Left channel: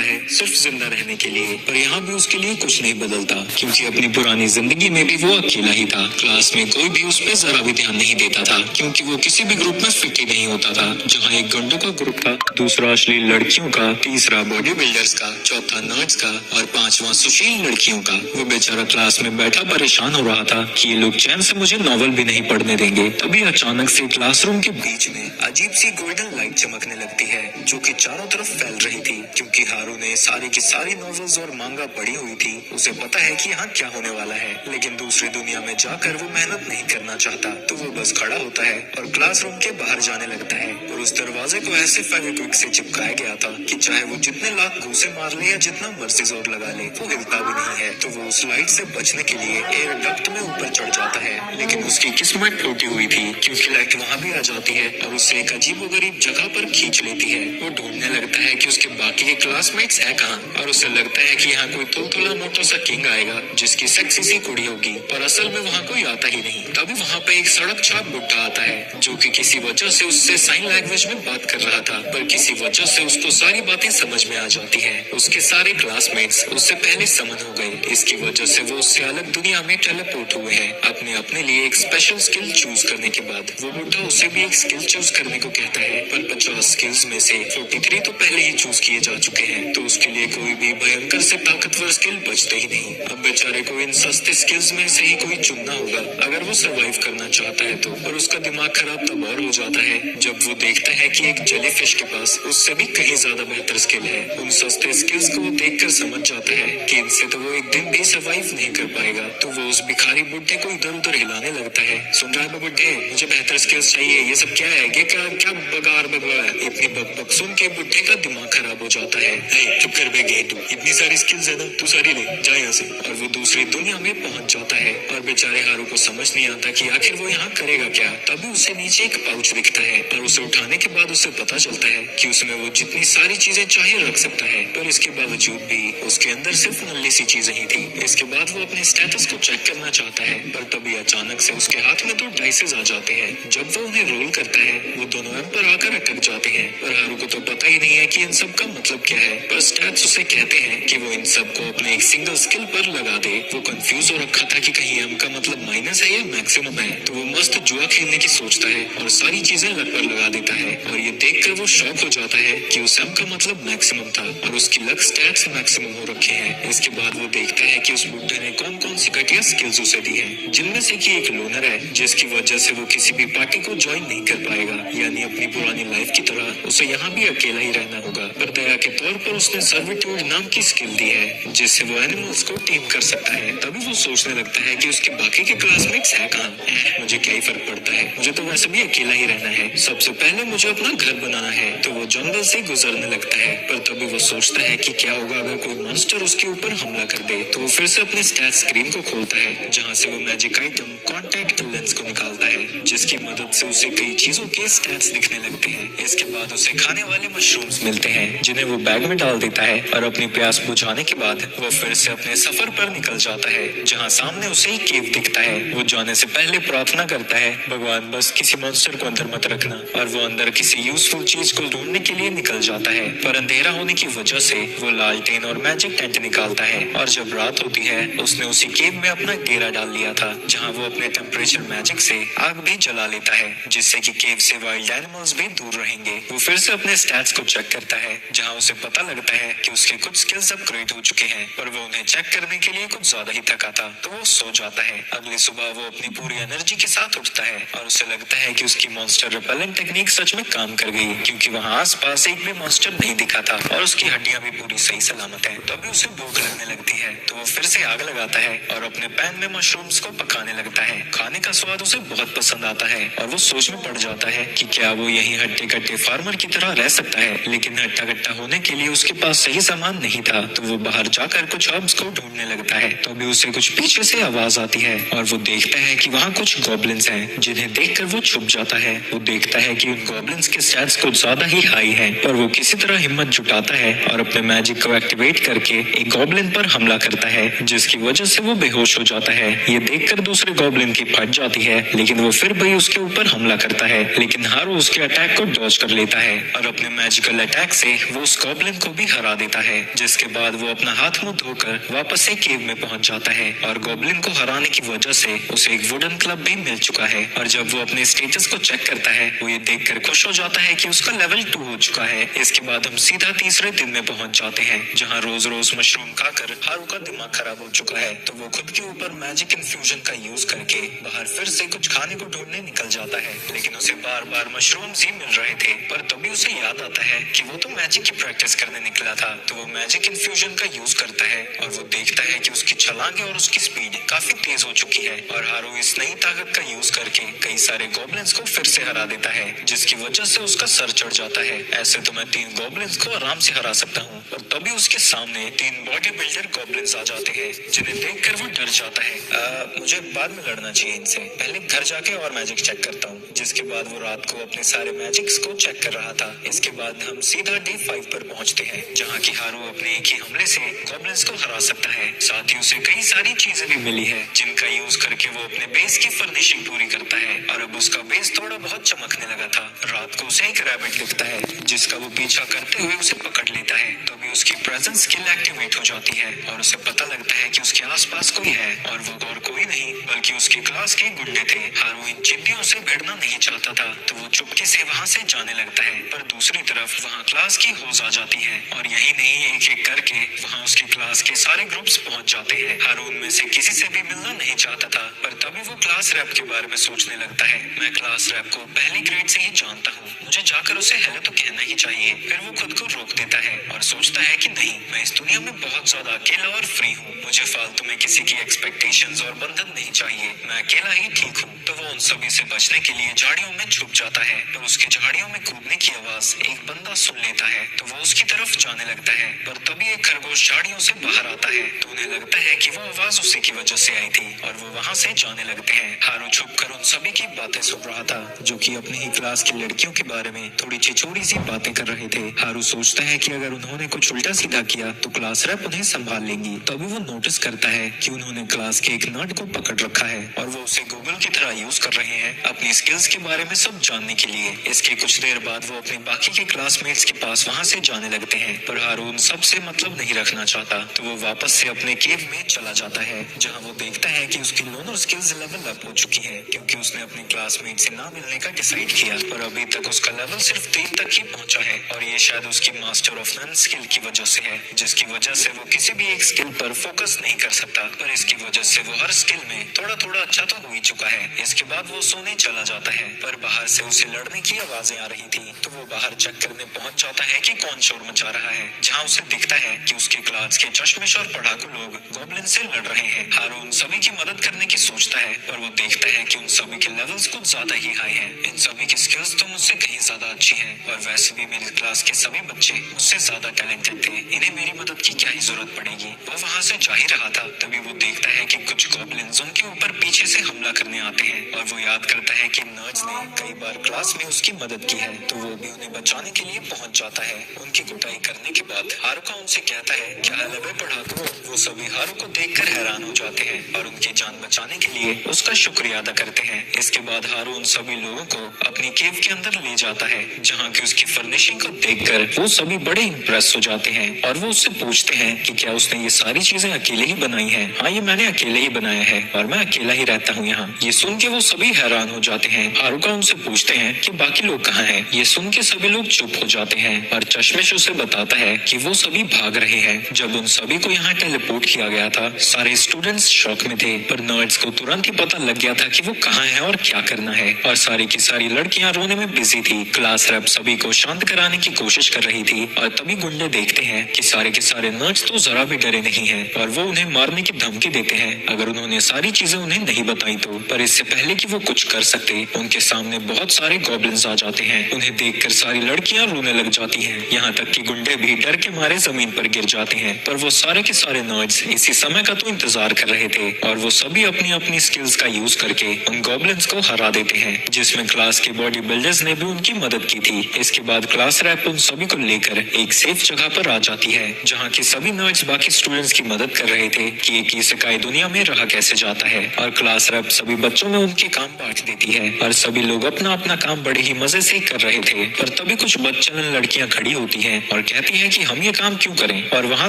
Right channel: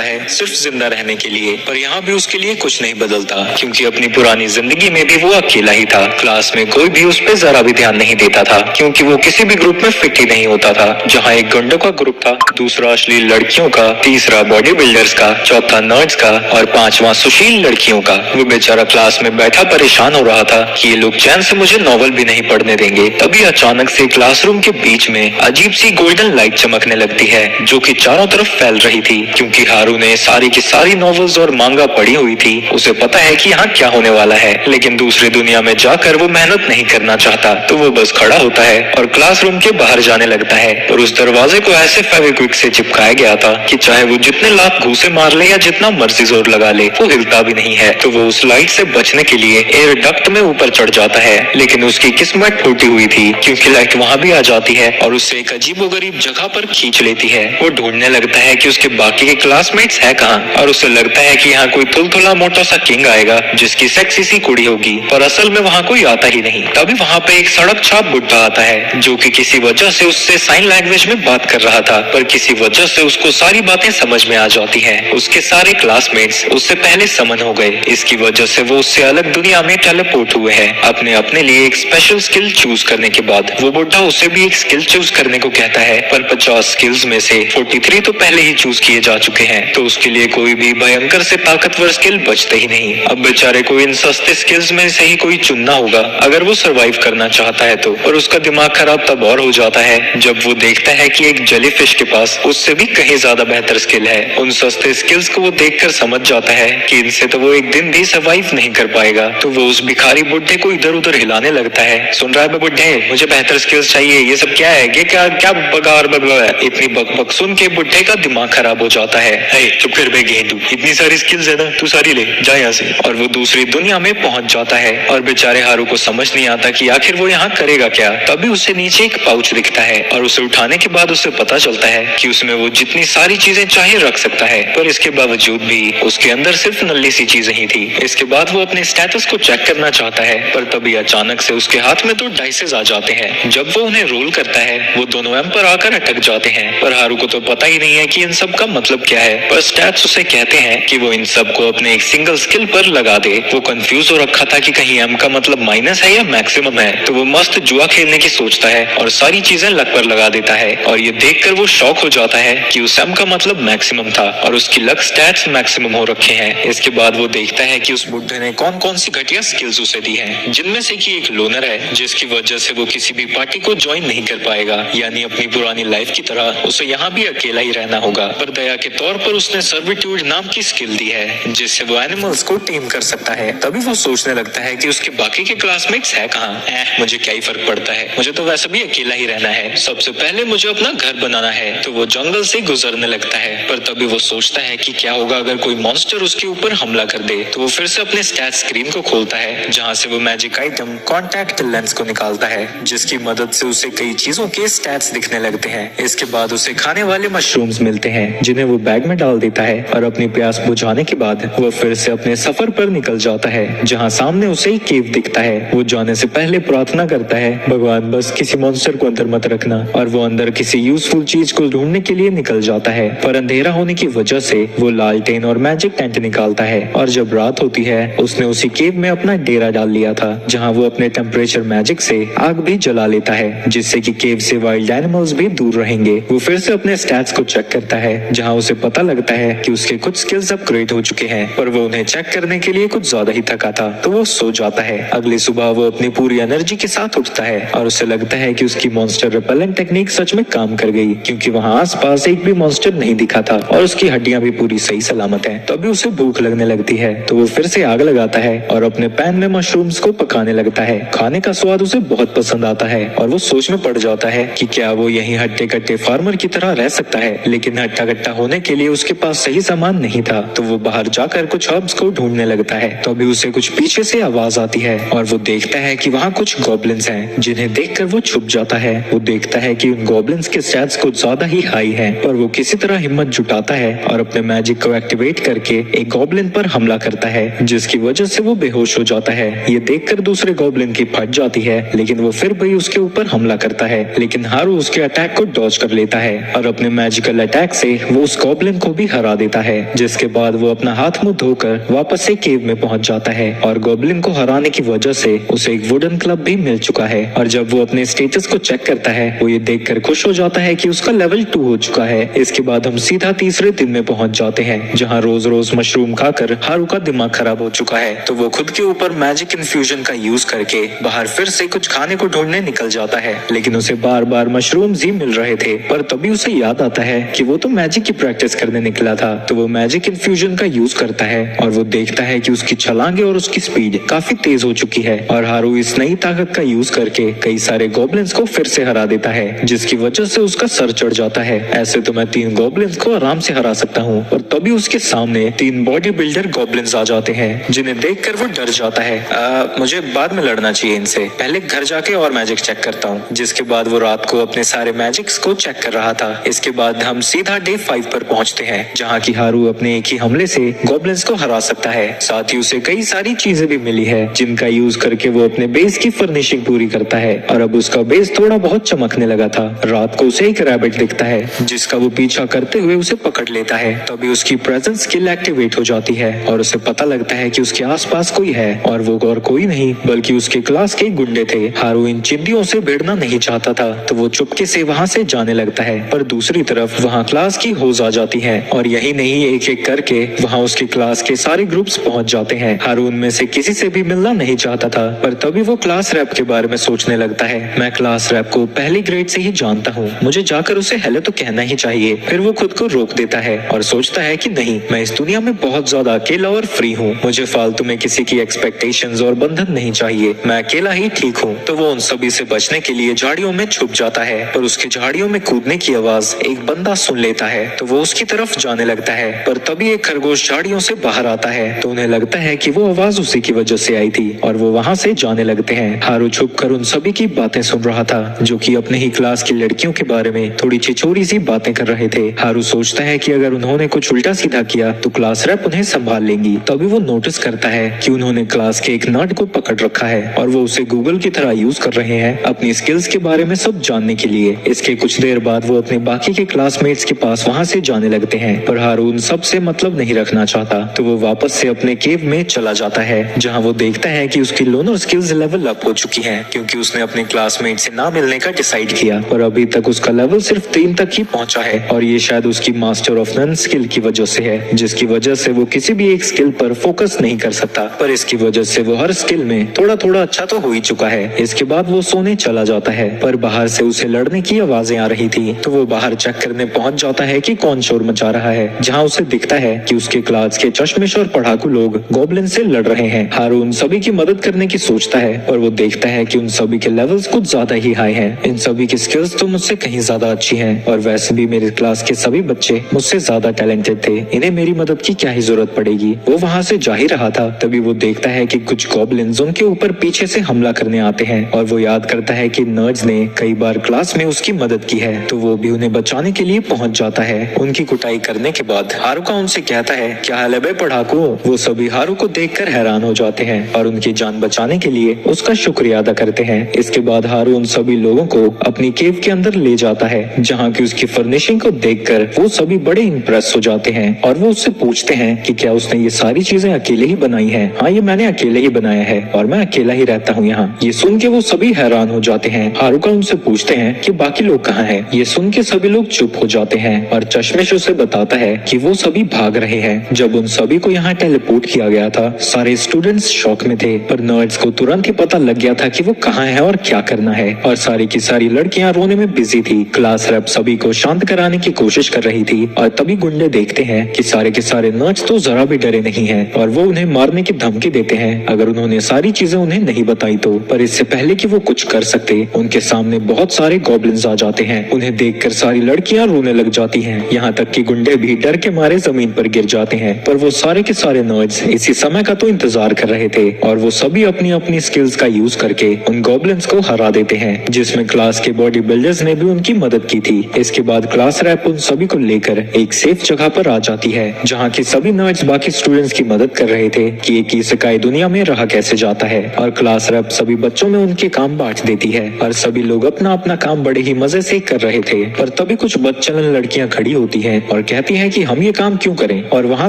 आता है सिर्फ जिंदा रहने के लिए, पर यहाँ भी उसके लिए कुछ नहीं बदलता, क्योंकि अपनी पुरानी जिंदगी में भी वो अकेला ही था। क्लास में कोई भी उस पर जरा भी ध्यान नहीं देता था, क्योंकि वो किसी भी ग्रुप में फिट ही नहीं होता था। जहाँ एक गुंडों का ग्रुप था, दूसरा अश्लील लड़कियों का, तीसरा बॉडी बिल्डर्स का, चौथा नर्ड्स का और पांचवा सुशील लड़कियों का। वो बेचारा क्लास में बैठा परेशान हो रहा था कि ये लोग चैन से मुझे नॉवल भी नहीं पढ़ने देंगे। तभी अचानक से क्लासरूम के बीच में अजीब सी गोल्डन लाइट चमकने लगती है, जो कि चारों तरफ फैल रही थी। क्योंकि हारू ने सारी की सारी नॉवेल्स और मांगा पढ़ी हुई थी, उसे पता है कि यहाँ क्या होने वाला है, लेकिन दूसरी दुनिया में जाकर वो मेहनत नहीं करना चाहता। तो वो बस खड़ा होता है और क्लासरूम के बाहर जाने लगता है। और उस दरवाजे को ऐसे फेविक्विक से चिपकाया गया था कि चाहे वो जितने लाख घूंसे मार ले या जितना मर्जी जोर लगा ले, वो हिलता भी नहीं है। तो वो उस लाइट से बचने के लिए एयर डक्ट में ऊपर चढ़ जाता है, लेकिन उसकी किस्मत फूटी हुई थी, क्योंकि लाइट वहाँ भी आ जाती है और उससे एक अजीबोगरीब जगह पर खींच लेती है। वो ढूंढने लगता है कि उसके बाकी के क्लासमेट्स है कहाँ, और उसे लगता है कि यहाँ कोई तुलतुला मोटा सा किंग आएगा जिसकी सेक्सी सी कुड़ी होगी, पर असल में वहाँ कोई आता ही नहीं। तभी वहाँ पे एक सड़क छाप बुड्ढा आता है, जो कि किसी वजह से उससे साइन लैंग्वेज में बात कर रहा था, पर किसी वजह से उसको सारी बातें समझ में आ जाती है। उसके सारे क्लासमेट्स उससे पहले समन हो गए। इसकी वजह से वो उससे अलग दुनिया में टेलीपोर्ट हुए हैं। अपने लिए एक स्पेशल स्किल चूज करने के बाद वो बुड्ढा उसे भी एक स्किल चूज करने को कहता है, पर 50 स्किल्स में से 43 तो पहले ही चूज किए जा चुके हैं, तो उसके लिए कोई भी भयंकर से ताकतवर स्किल बचते ही नहीं। अब बेचारे को इन सस्ते स्किल्स में से ही कोई चुनना होगा अगर वो सरवाइव करना चाहता है तो। और उसका दिमाग खराब तब और हो जाता है जब वो देखता है कि एक जेलीफिश के पास उससे भी कहीं ज्यादा बेहतर स्किल है। उन सस्ते स्किल्स को वो देखकर समझ जाता है कि इनसे तो वो एक दिन भी सरवाइव नहीं कर पाएगा। तो वो उस भिखारी बुड्ढे को इधर उधर हिलाने लगता है। सुन रहा है बुड्ढे, मुझे बेहतर स्किल्स चाहिए, ये सब क्या है, ये क्या क्या बगार बगवा है। इतनी बकबक सुन के बुड्ढे का दिमाग खराब हो जाता है। चुप कर बे गेंडू, इतनी सारी स्किल्स है ना, तू सारी ले जा यहाँ से। और वो दूसरी दुनिया में पहुंच जाता है और बेचारे हारू को समझ नहीं आता कि आखिर वो यहाँ करेगा क्या। तभी उसे नीचे एक पाउच दिखता है और उसे उठाने के बाद उसे पता चलता है कि उसमें वो जितनी सारी चीजें चाहे रख सकता है, पर इसके बावजूद भी उसके अंदर सिर्फ नल्ली सी चीजें ही थी। इसके बाद वो अपने स्टेटस को चेक करना चाहता है, पर तभी अचानक से उसके हाथ में 2 डाइसेस आ जाते हैं। जब वो उन्हें रोल करता है, वो दोनों एम्पर आकर अटक जाते हैं, पर हारू को तो पता ही नहीं है कि इन सब का मतलब क्या है। पर स्टैट्स उसे कहते हैं कि वो इन सब को अपने एक सिंगल स्किल पर लगा दे। वो कंफ्यूज हो रखा था कि कहीं एम का मतलब माइनस है या मैक्सिमम है, तो वो मस्त जुआ खेलने की सोचता है और सारी चीजें लक पर लगा देता है। और ये देखकर वो शॉक हो जाता है कि उस एम का मतलब मैक्सिमम था और उसकी लक स्टैट्स मैक्सिमम हो रखे हैं। इसके बाद वो देखता है कि उस बुड्ढे ने कौन कौन सी घटिया स्किल्स उसे दी है, जिनमें से कि एक लोनर है, जिसकी वजह से वो किसी भी पार्टी को ज्वाइन नहीं कर पाएगा, यानी अपनी पुरानी लाइफ की तरह उसे यहाँ भी अकेला ही रहना होगा। पर दया के तौर पर उसने सर्विट्यूड नाम की स्किल दी है, जिससे वो एनिमल्स को टेम कर सकता है। तभी वो सोचने लगता है कि उसके बाकी के क्लासमेट्स है कहाँ। मुझे क्या ही फर्क पड़ता है, मुझे तो वैसे भी अकेला ही रहना है। सबसे पहले मुझे अपना घर बनाना है। तो वो जंगल से गुजरने लगता है, पर तभी वो सोचता है कि क्या होगा अगर कोई मॉन्स्टर उसके ऊपर हमला कर दे। तो वो फिर से अपने स्टैट स्क्रीन को खोलता है, जहाँ से वो मैजिक आइटम कॉन्टैक्ट लेंस को निकालता है, जिसकी मदद से उसे कई चीजों के स्टैट्स दिखने लगते हैं। इसके बाद उसे खाने वाले मशरूम्स मिलते हैं, जिन्हें वो बैग में डाल देता है और अपनी प्यास बुझाने के बाद वो फिर से अपने सफर पर निकल जाता है, जहाँ सामने उसे एक केव दिखता है। वो जाने से पहले प्रार्थना करता है, भगवान बस किसी मॉन्स्टर को अंदर मत रखना। और वो अंदर किसी यूजफुल चीज को ढूंढने के लिए निकल जाता है, पर अंधेरा होने की वजह से वो लालटेन और मैजिक टेंट निकालता है। और जब रात होती है, उसने उसी केव में अपना डेरा डाल लिया था, जहाँ वो अपने टेम्परेचर मैजिक से आग भी जला लेता है, जिससे कि केव से वाइल्ड एनिमल्स भी दूर रहेंगे। वो फिर से अपने स्टैट्स को चेक करता है, जहाँ उसे पता लगता है कि उसके कुछ स्किल्स अपग्रेड हो चुके हैं, पर वो उन्हें चेक करने के लिए कुछ ज्यादा ही थका था, तो वो सो जाता है। अगली सुबह वो अपनी पूरी एनर्जी के साथ उठता है और उसे लगता है कि उसकी मॉन्स्टर रिपेलेंट टेक्निक सच में काम कर गई, क्योंकि वहाँ आसपास एक भी मॉन्स्टर नहीं दिखा था और उसकी हड्डियां भी पूरी सही सलामत हैं। तभी उसे भूख लगने लगती है, तो वो फिर से आग लगाता है और अपने पैन में मशरूम्स को पकाने लगता है। खाने का स्वाद उसे बहुत पसंद आता है और वो सोच में पड़ जाता है कि क्या वो यही हट्टे कट्टे फार्मर की तरह रह सकता है, लेकिन हट्टा कट्टा होने के लिए उसके पास सही सामान नहीं था। तो वो बाहर जाकर कुछ हर्ब्स को ढूंढने लगता है, तो अभी उसे कुछ पीछे से आवाज आती है और वो देखता है कि वहाँ कुछ गॉब्लिन्स हैं, जिन्हें देखकर वो छुप जाता है। वो देखता है कि उन गॉब्लिन्स के स्टैट्स कुछ ज्यादा ही हाई हैं, पर वो किसी तरह हिम्मत जुटाता है और अपने मैजिक को एक्टिवेट करके एक गॉब्लिन पर हमला करता है, जिसकी वजह से वो बेहोश हो जाता है। ये देखकर दूसरे गॉब्लिन की फट जाती है, लेकिन वो फिर भी उसके ऊपर हमला करता है, लेकिन हारू उसके अटैक को डॉज कर लेता है और अपने मैजिकल अटैक से वो उस गॉब्लिन को को भी हरा देता है, जिसके बाद वो अपना हाथ मुंह धोकर वापस से केव में पहुंच जाता है और गॉब्लिन को हराने की वजह से उसे एक वुडन क्लब भी मिल चुका है। और जब वो अपने स्टेटस को चेक करता है वो ये देखकर खुश हो जाता है कि उसका लेवल 2 हो चुका है। इसके बाद हम सीधा तीसरे दिन में पहुंच जाते हैं, जहाँ रोज रोज मशरूम खाकर हारू का दिमाग खराब हो चुका है। तो वो खुद के ऊपर मैजिक इन्फ्यूजन का यूज करके बाहर फिर से कुछ खाने को ढूंढने निकल जाता है, लेकिन उसे बार बार मशरूम्स ही मिल रहे थे। पर तभी उसे याद आता है कि वो तो मैजिक की प्रैक्टिस करने निकला था। तो वो मैजिक इन्फ्यूजन का यूज करता है और वो देखता है कि उसकी छलांगे और उसकी स्पीड काफी तेज हो चुकी है और हारू इस नई ताकत का यूज करके कई सारे गॉब्लिन्स को फिर से हरा देता है, जिसकी वजह से उसका सर चढ़ जाता है। ऐसे तो मैं 3 गॉब्लिन्स को आराम से हरा सकता हूँ। और तभी उसके सामने 3 बॉडी बिल्डर गॉब्लिन्स आ जाते हैं, जिन्हें देखकर वो डर जाता है। मुझे बाद में लड़ना चाहिए इनसे, पहले घर जाके और मैजिक चेक करता हूँ। जिसके बाद वो रात को अपने सारे मैजिक्स को चेक कर रहा था। इसके बाद हम सीधा डे 5 पर पहुँचते हैं, जहाँ की हारू अपने एक ही हमले से गॉब्लिन्स को हरा सकता है। साथ ही उसे कई सारी चीजें भी मिली है, जिनका यूज करके वो अपने बेस की फर्निशिंग पूरी करता है। और अब उसका बेस थोड़ा बहुत चमकने लगा था। रात को उसे एक रैबिट दिखता है, जिसका वो पीछा करते हुए उसे पकड़ लेता है। तभी उसकी प्रेजेंस स्किल एक्टिवेट हो जाती है और उसे पता लगता है कि उसके आसपास कोई है, और वो और कोई नहीं बल्कि उसके क्लास के गुंडे थे। हारू इन चिंदियों से भिड़ना नहीं चाहता था, तो वो चुपके से वहाँ से जाने लगता है। पर दूसरी तरफ वहाँ क्लास की होज आ जाती है और यही नहीं एक एक करके वहाँ उसके क्लास के सारे ग्रुप्स पहुँच जाते हैं। हारू उनमें से किसी से भी मिलना नहीं चाहता था, पर तभी वो क्लास रैप के बारे में सोचने लगता है। मैं क्लास रैप को पहली ग्रेड से ही जानता हूँ, मुझे जाकर उसे हेलो तो कहना ही चाहिए। फिर वो खुद को रोक देता है और सोचता है कि नहीं, मैं इस दुनिया में बहुत ज्यादा अकेला और फ्री हूँ, मुझे फालतू में किसी की एक्सपेक्टेशंस और बंधन नहीं चाहिए, मैं अकेला ही ठीक हूँ। तो वो उन सभी से बचने के लिए झाड़ियों में छुप जाता है, पर उसके झाड़ियों में कूदने की आवाज एक बंदा सुन लेता है, तो वो उसकी तरफ जाने लगता है। पर तभी एक खरगोश झाड़ियों से बाहर आता है, तो उन्हें लगता है कि वो आवाज उसी की वजह से आई थी और वो वहाँ से जाने लगते हैं। हारू छुप कर उन सभी की बातें सुन रहा था, जो कि अपने ही क्लास की लड़कियों के बारे में थोड़ी छिछोरी सी बातें कर रहे थे। हारू सोचता है कि अगर उन्होंने कुछ उल्टा सीधा किया तो क्लास रैप उन्हें संभाल लेंगी। तभी वो नोटिस करता है कि उन्होंने क्लास के एक नर्ड को पकड़ रखा है और वो उसे गूगल की तरह यूज कर रहे हैं अपनी स्किल्स के बारे में सब जानने के लिए। इसके कुछ देर बाद वो अपने बाकी के क्लासमेट्स के पास वहाँ से जाने लगते हैं, पर हारू उन सब से मतलब नहीं रखना चाहता, तो वो वापस से अपने केव में चला जाता है, जहाँ वो देखता है कि उसकी लोनर स्किल्स लेवल अप हो चुकी हैं, क्योंकि उसने अपने क्लासमेट से ना मिलने का डिसाइड किया। पर अभी तक उसका लेवल सिर्फ 3 तक ही पहुंचा है और ये शायद उसकी मास्टर ऑफ नन स्किल की वजह से है, जिसकी वजह से वो किसी भी एक स्किल पर फोकस नहीं कर सकता। पर इसकी वजह से वो हर स्किल में थोड़ा थोड़ा अच्छा तो हो ही चुका है। इसके बाद वो सोने चला जाता है, पर बाहर से उसे लड़ने की आवाजें आ रही थी, तो वो बाहर चेक करने पहुंच जाता है कि कौन शोर मचा रहा है, जहाँ उसे दिखता है कि उसके क्लास के चश्मिश और पढ़ाकू लोग गॉब्लिन से लड़ रहे हैं। हारू उन सभी की मदद करने की सोचता है और वो देखता है कि उन सभी के लेवल्स कुछ ज्यादा ही हाई हैं। इन सभी की स्किल्स तो मुझसे कहीं ज्यादा अच्छी हैं और वैसे भी मेरे क्लास के सभी बच्चे मुझसे ज्यादा टैलेंटेड थे, इन्हें मेरी मदद की क्या ही जरूरत पड़ेगी। वो वहाँ से जा ही रहा था, तभी वो देखता है कि कुछ गॉब्लिन्स उनके ऊपर पीछे से हमला करने आते हैं और वो याद करता है कि नर्ड्स ने कई बार क्लास में उसकी मदद की है, तो वो भी उन्हें बचाने के लिए पहुंच जाता है। उनकी कुटाई करने के बाद हारू उनसे कहता है, क्या हाल है बे पढ़ाकू। वो सभी हारू को देखकर हैरान हो जाते हैं और उनकी जान बचाने के लिए उसका शुक्रिया अदा करते हैं। इसके बाद हारू उन सभी लोगों को अपनी केव के अंदर ले जाता है, जहाँ की उसकी फर्निशिंग को देखकर वो सभी बड़े इम्प्रेस हो जाते हैं और वो उससे पूछते हैं कि क्या उसने ये सारी चीजें अकेले ही बनाई हैं। हाँ, ये मैंने अकेले ही बनाया है और मैं अकेला ही रहता हूँ यहाँ। ये सुन के वो सभी हैरान हो जाते हैं। हारू उनसे पूछते हैं कि बाकी लोग कहाँ हैं। ये सुन के सभी लोग चुप हो जाते हैं और चश्मिश उसे बताता है कि वो सभी भाग रहे हैं। जब उन सभी को यहाँ टेलीपोर्ट किया गया था, सारे स्टूडेंट्स शॉक में थे, पर नर्ड्स को तुरंत ही पता लग गया था कि वो कहाँ है और क्या करना है, और सारी की सारी लड़कियां रोने में बिजी थी। क्लास रैप सभी को शांत कराने की कोशिश कर रही थी और तभी गुंडे देखते हैं कि सारे के सारे नर्ड्स तो जरा भी डरे नहीं हैं और वो उन्हें मारने की धमकी देते हैं अगर उन्होंने सारी चीजें उन्हें नहीं बताई तो। पर इससे पहले कि वो कुछ कर सकते, उनके सामने बहुत सारे गॉब्लिन्स आ जाते हैं। उन्हें देखकर सारी लड़कियां रोने लग जाती हैं, यहाँ तक कि गुंडे भी डर के मारे जमीन पर गिर जाते हैं। पर वो सारे के सारे नर्ड्स इसी समय का तो इंतजार कर रहे थे और वो सभी अपनी अपनी स्किल्स का यूज करके उन गॉब्लिन्स को हरा देते हैं, जिसमें क्लास के बॉडी बिल्डर्स ने भी उनकी मदद की थी। इसके बाद क्लास रैप उन सभी को लेकर एक सेफ जगह पर आ जाती है, जहाँ की सभी नर्ड्स बाकी स्टूडेंट्स की मदद कर रहे थे कि एक इसेकाई दुनिया में रहा कैसे जाता है। और क्लास रैप सभी बच्चों में उनके काम बांट देती है और सभी लोग अपना अपना काम बड़े ही मजे से कर रहे थे। और तभी कुछ बदचलन लड़कियां खड़ी होती हैं और और कहती है कि हम ये काम क्यों करें, और वहाँ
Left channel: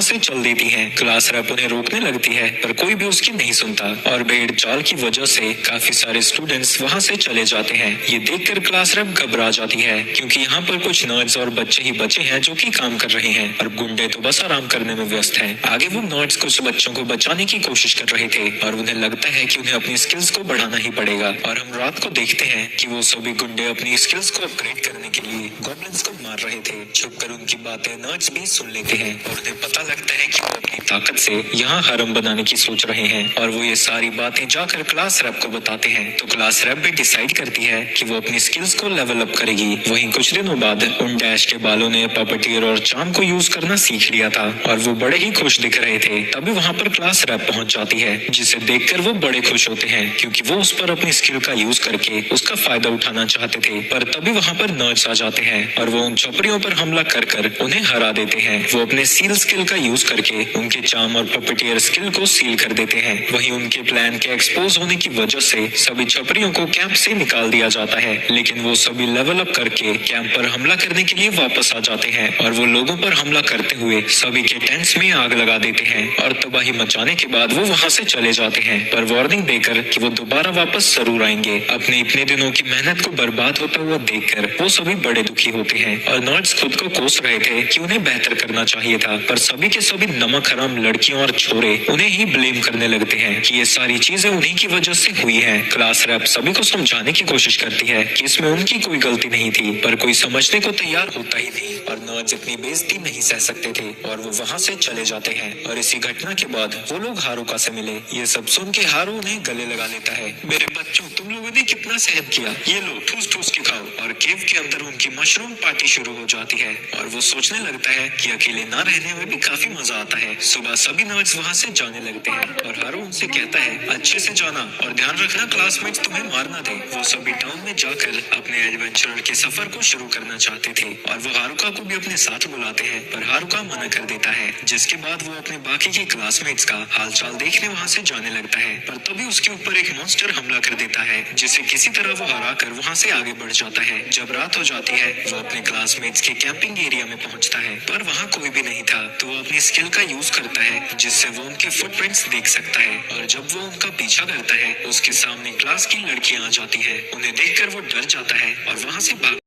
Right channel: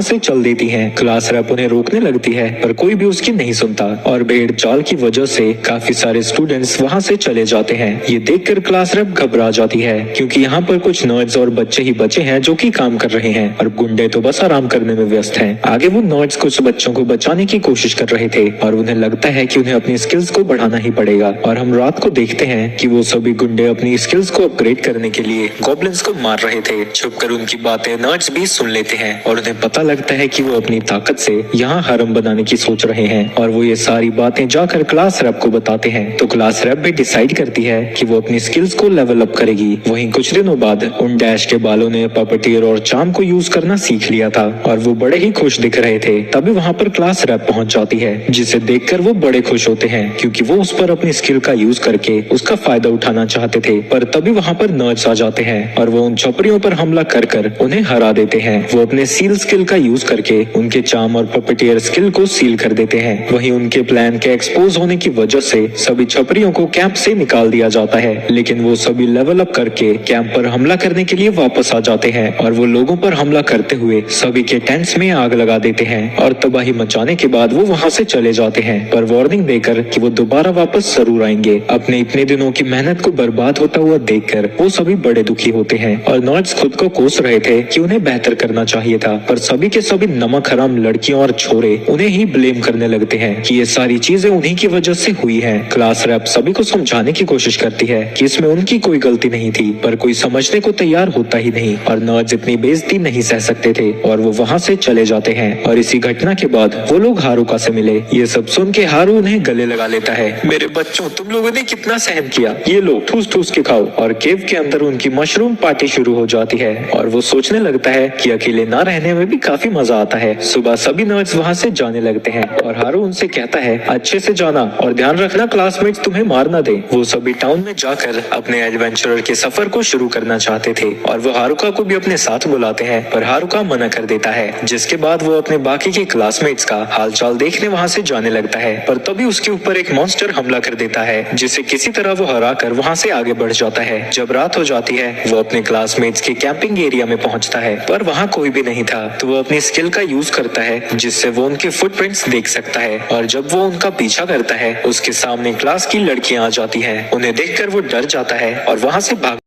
से चल देती है। क्लास रैप उन्हें रोकने लगती है पर कोई भी उसकी नहीं सुनता और भेड़ चाल की वजह से काफी सारे स्टूडेंट्स वहाँ से चले जाते हैं। ये देखकर क्लास रैप घबरा जाती है क्योंकि यहाँ पर कुछ नर्ड्स और बच्चे ही बचे हैं जो कि काम कर रहे हैं और गुंडे तो बस आराम करने में व्यस्त हैं। आगे वो नर्ड्स कुछ बच्चों को बचाने की कोशिश कर रहे थे और उन्हें लगता है कि उन्हें अपनी स्किल्स को बढ़ाना ही पड़ेगा। और हम रात को देखते हैं कि वो सभी गुंडे अपनी स्किल्स को अपग्रेड करने के लिए गॉब्लिन्स को मार रहे थे। छुपकर उनकी बातें नर्ड्स भी सुन लेते हैं और उन्हें पता लगता है कि वो अपनी ताकत से यहाँ हरम बनाने की सोच रहे हैं और वो ये सारी बातें जाकर क्लास रैप को बताते हैं। तो क्लास रैप भी डिसाइड करती है कि वो अपनी स्किल्स को लेवल अप करेगी। वहीं कुछ दिनों बाद उन डैश के बालों ने पपटियर और चार्म को यूज करना सीख लिया था और वो बड़े ही खुश दिख रहे थे। तभी वहाँ पर क्लास रैप पहुँच जाती है जिसे देखकर वो बड़े खुश होते हैं क्योंकि वो उस पर अपनी स्किल का यूज करके उसका फायदा उठाना चाहते थे। पर तभी वहाँ पर नर्ड्स आ जाते हैं और वो उन छपरियों पर हमला कर कर उन्हें हरा देते हैं। वो अपने सील स्किल का यूज करके उनके चार्म और पपटियर स्किल को सील कर देते हैं। वहीं उनके प्लान के एक्सपोज होने की वजह से सभी छपरियों को कैंप से निकाल दिया जाता है, लेकिन वो सभी लेवल अप करके कैंप पर हमला करने के लिए वापस आ जाते हैं और वो लोगों पर हमला करते हुए सभी के टेंट्स में आग लगा देते हैं और तबाही मचाने के बाद वो वहाँ से चले जाते हैं पर वार्निंग देकर कि वो दोबारा वापस जरूर आएंगे। अपने इतने दिनों की मेहनत को बर्बाद होता हुआ देखकर वो सभी बड़े दुखी होते हैं और नर्ड्स खुद को कोस रहे थे कि उन्हें बेहतर करना चाहिए था, पर सभी के सभी नमक हराम लड़कियां और छोरे उन्हें ही ब्लेम करने लगते हैं कि ये सारी चीजें उन्हीं की वजह से हुई हैं। क्लास रैप सभी को समझाने की कोशिश करती है कि इसमें उनकी कोई गलती नहीं थी, पर कोई समझने को तैयार होता ही नहीं और नर्ड्स इतनी बेइज्जती नहीं सह सकते थे और वो वहाँ से चले जाते हैं। और इसी घटना के बाद वो लोग हारुका से मिले। ये सब सुन के हारू उन्हें गले लगा लेता है। मेरे बच्चों, तुम लोगों ने कितना सहन किया, ये लो ठूस ठूस के खाओ। और केव के अंदर उनकी मशरूम पार्टी शुरू हो जाती है और वो सोचने लगता है कि अकेले ना रहने में भी काफी मजा आता है। सुबह सभी नर्ड्स वहाँ से जाने लगते हैं और हारू उनसे कहता है अच्छे से जाना और ध्यान रखना क्लासमेट्स तुम्हें मार ना दे। वो सभी टाउन में जाकर अपने एडवेंचरर के सफर को शुरू करना चाहते थे और वो हारुका को भी अपने साथ बुलाते हैं, पर हारुका मना कर देता है। जिसके बाद वो अपने बाकी के क्लासमेट्स का हालचाल देखने वहाँ से जाने लगता है, पर तभी उसके ऊपर एक मॉन्स्टर हमला कर देता है जिसे किसी तरह वो हरा कर वहाँ से आगे बढ़ जाता है। जब रात हो जाती है वो अपने क्लासमेट्स के कैंपिंग एरिया में पहुँचता है, पर वहाँ कोई भी नहीं था। तो वो अपनी स्किल का यूज करता है जिससे वो उनके फुटप्रिंट्स देख सकता है और जब वो उनका पीछा करता है उसके सामने क्लास की लड़कियां आ जाती हैं। उन्हें देखकर वो डर जाता है और वहाँ से भाग